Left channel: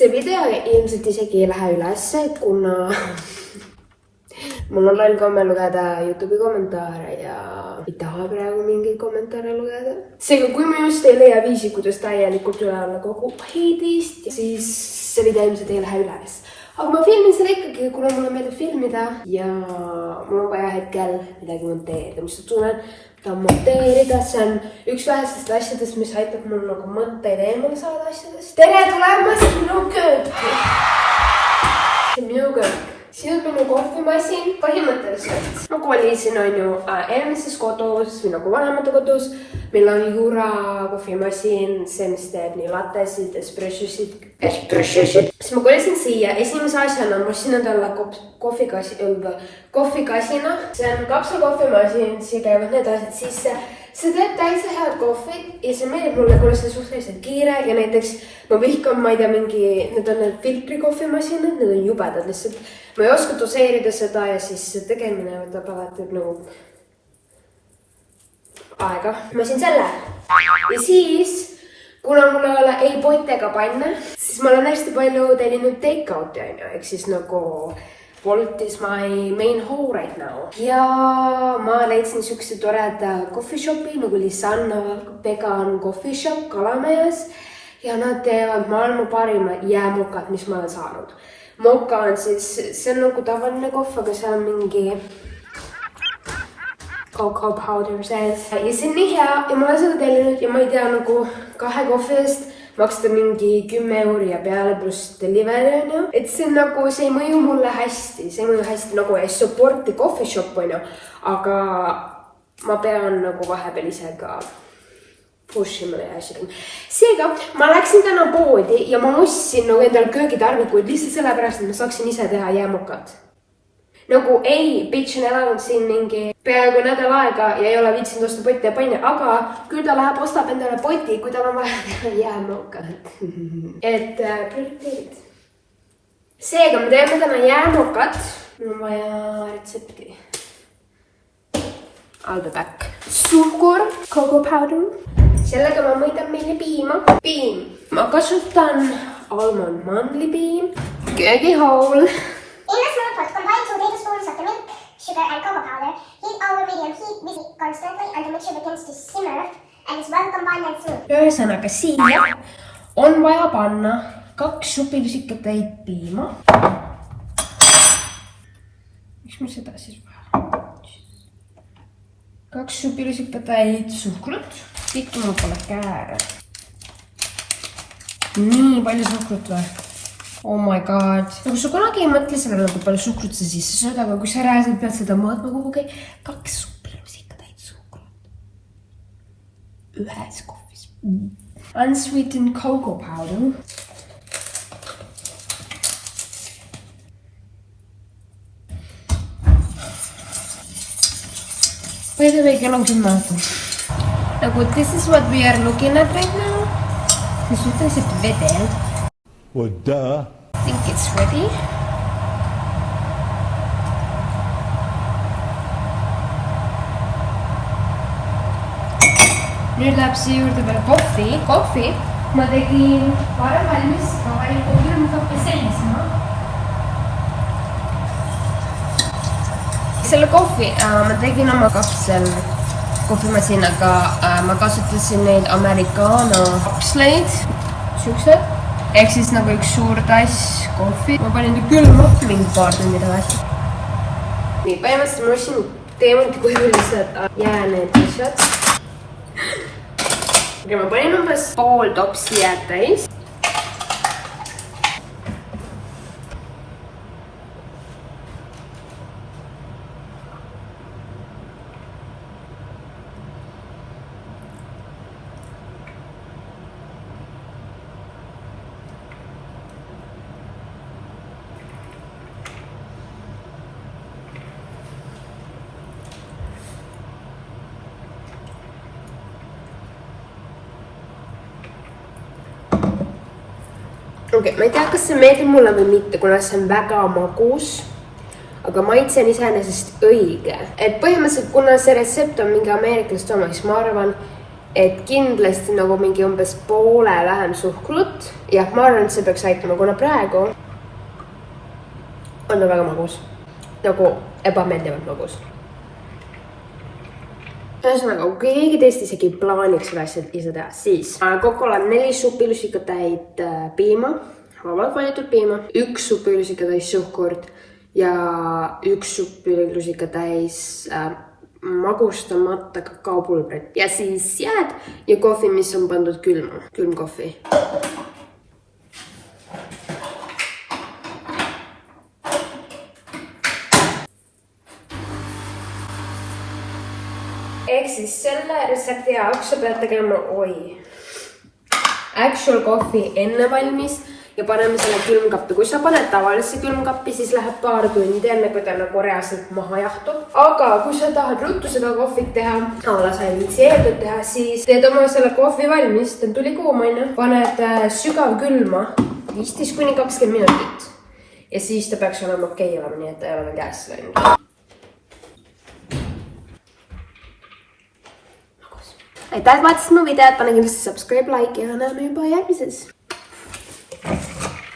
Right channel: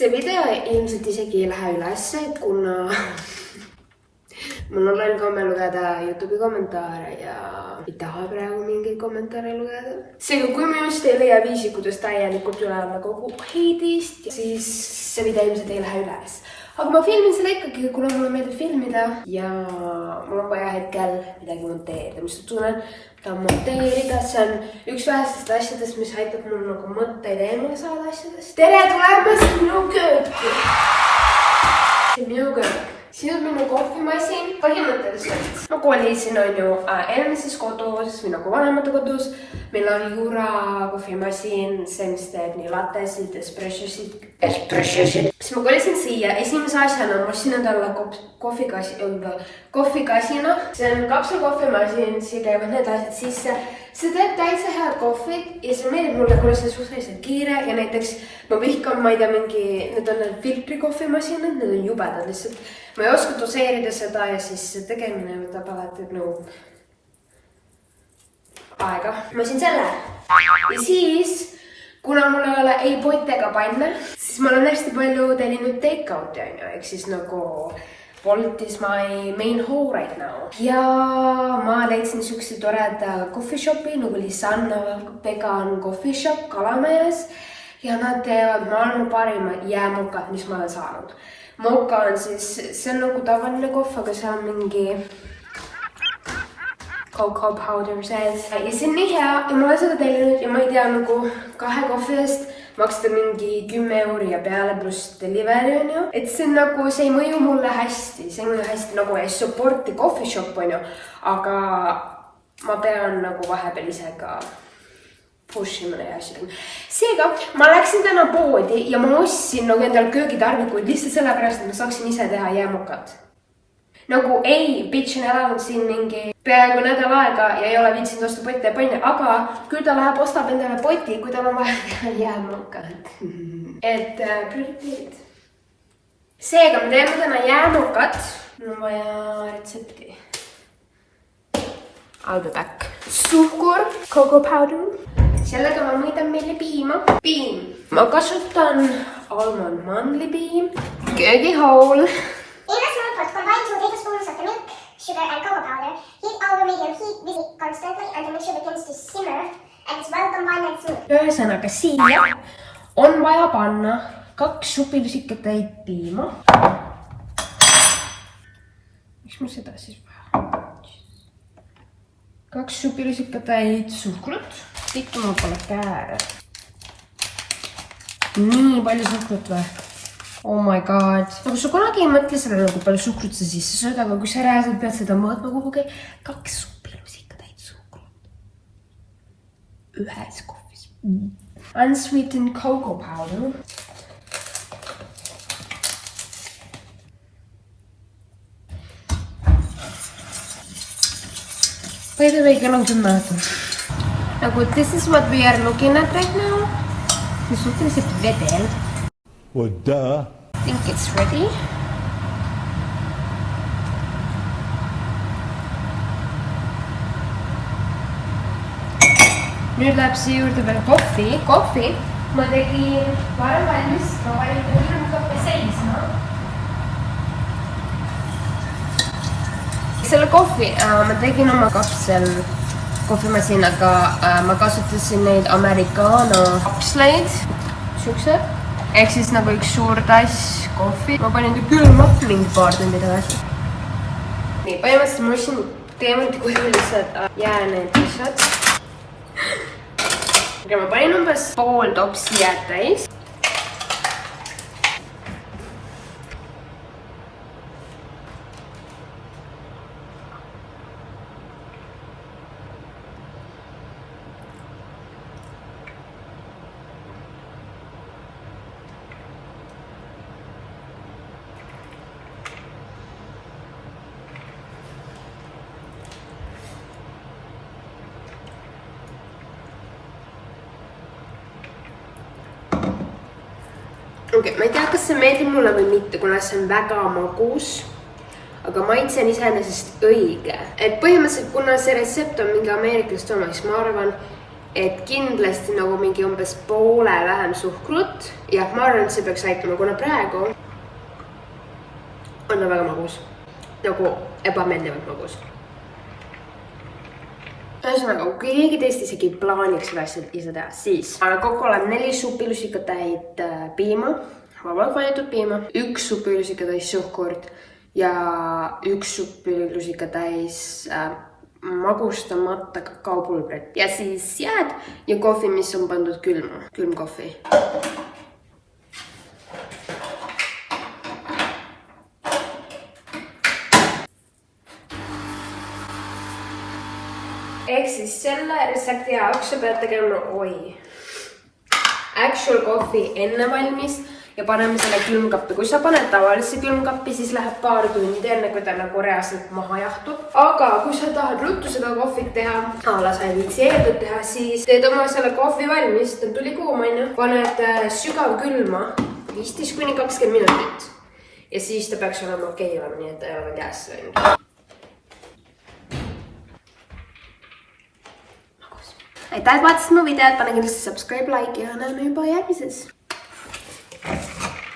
see video ilmselt isegi ei lähe ülesse, kuna mul on loll komme lugeda YouTube'i kommentaare ja ei taha praegu mingeid kommentaare lugeda. Seega, kui ma just ei leia viisi, kuidas täielikult üle olla kogu heidist, siis see video ilmselt ei lähe üles. Aga ma filmin selle ikkagi, kuna mulle meeldib filmida ja mul on vaja hetkel midagi monteerida, mis tunnen, tahan monteerida. See on üks vähestest asjadest, mis aitab mul nagu mõtteid eemale saada asjadest. Tere tulemast minu kööki! See on minu köök. Siin on minu kohvimasin põhimõtteliselt. Ma kolisin on ju eelmises kodus või nagu vanemate kodus. Meil on Jura kohvimasin, see mis teeb nii lattesid, espressosid. Siis ma kolisin siia. Esimese asjana ma ostsin endale kohvikasina. See on kapselkohvimasin, siia käivad need asjad sisse. See teeb täitsa head kohvid ja see meeldib mulle, kuna see suhteliselt kiire ja näiteks ma vihkan, ma ei tea, need on need filtrikohvimasinad, need on jubedad lihtsalt. Ma ei oska doseerida seda ja siis see tegemine võtab alati nagu aega. Ma siin selle. Ja siis, kuna mul ei ole ei potte ega panne, siis ma olen hästi palju tellinud take-out'i on ju, ehk siis nagu Bolt is my main hole right now. Ja ma leidsin sükse toreda coffee shopi, nagu Lisanna vegan coffee shop Kalamajas. Ja nad teevad maailma parima jäämokad, mis ma olen saanud. Moka on siis, see on nagu tavaline kohv, aga see on mingi cocoa powder sees. Ja see on nii hea ja ma olen seda tellinud ja ma ei tea nagu 2 kohvi eest maksta mingi 10 euro ja peale pluss delivery on ju. Et see on nagu, see ei mõju mulle hästi, see ei mõju hästi nagu ei supporti coffee shop on ju. Aga ma pean nagu vahepeal ise ka pushimine ja asjadega. Seega, ma läksin täna poodi ja ma ostsin nagu endal köögitarvikuid lihtsalt sellepärast, et ma saaksin ise teha jäämokad. Nagu ei, bitch on elanud siin mingi peaaegu nädal aega ja ei ole viitsinud osta potte ja panne, aga küll ta läheb, ostab endale poti, kui tal on vaja teha jäämokad. Et prioriteerid. Seega, me teeme täna jäämokad. Mul on vaja retsepti. I'll be back. Suhkur, cocoa powder. Sellega ma mõidan meile piima. Piim. Ma kasutan almond mandlipiim. Köögihool. In a small pot, combine 2 tablespoons of the milk, sugar and cocoa powder. Heat over medium heat, mix it constantly until mixture begins to simmer and is well combined and smooth. Ühesõnaga siia on vaja panna 2 supilusikatäit piima. Miks mul seda siis vaja? 2 supilusikatäit suhkrut. Ikka mul pole käärad. Nii palju suhkrut või? Oh my god. Nagu sa kunagi ei mõtle selle nagu palju suhkrut sa sisse sööd, aga kui sa reaalselt pead seda mõõtma kuhugi 2 supilusikatäit suhkrut. Ühes kohvis. Unsweetened cocoa powder. By the way, kann on 10 minutit. Nagu, this is what we are looking at right now. See on suhteliselt vedel. Well, duh. I think it's ready. Nüüd läheb siia juurde veel kohvi. Kohvi ma tegin varem valmis, ma panin kogu kohvi seisma. Selle kohvi ma tegin oma kapsel kohvimasinaga. Ma kasutasin neid Americano kapsleid. Siuksed. Ehk siis nagu üks suur tass kohvi. Ma panin külmappi mingi paar tundi tagasi. Nii, põhimõtteliselt ma ostsin teemalt kujulised jääned lihtsalt. Ja ma panin umbes pool topsi jääd täis. Okay, ma ei tea, kas see meeldib mulle või mitte, kuna see on väga magus. Aga maitse on iseenesest õige. Et põhimõtteliselt, kuna see retsept on mingi ameeriklast oma, siis ma arvan, et kindlasti nagu mingi umbes poole vähem suhkrut. Ja ma arvan, et see peaks aitama, kuna praegu on väga magus. Nagu ebameeldivalt magus. Ühesõnaga, kui keegi teist isegi plaaniks seda asja ise teha, siis kokku olen 4 supilusikatäit piima, vabalt valitud piima, 1 supilusikatäis suhkurt ja 1 supilusikatäis magustamata kakaopulbrit ja siis jääd ja kohvi, mis on pandud külma, külmkohvi. Ehk siis selle retsepti jaoks sa pead tegema actual kohvi enne valmis ja paneme selle külmkappi. Kui sa paned tavalisse külmkappi, siis läheb paar tundi enne, kui ta nagu reaalselt maha jahtub. Aga kui sa tahad ruttu seda kohvit teha, sa ei viitsi eeldud teha, siis teed oma selle kohvi valmis, ta tuli kuumaine, paned sügav külma 15–20 minutit ja siis ta peaks olema okei olema, nii et ta ei ole käes läinud. Aitäh, et vaatasid mu videot, pane kindlasti subscribe, like ja näeme juba järgmises.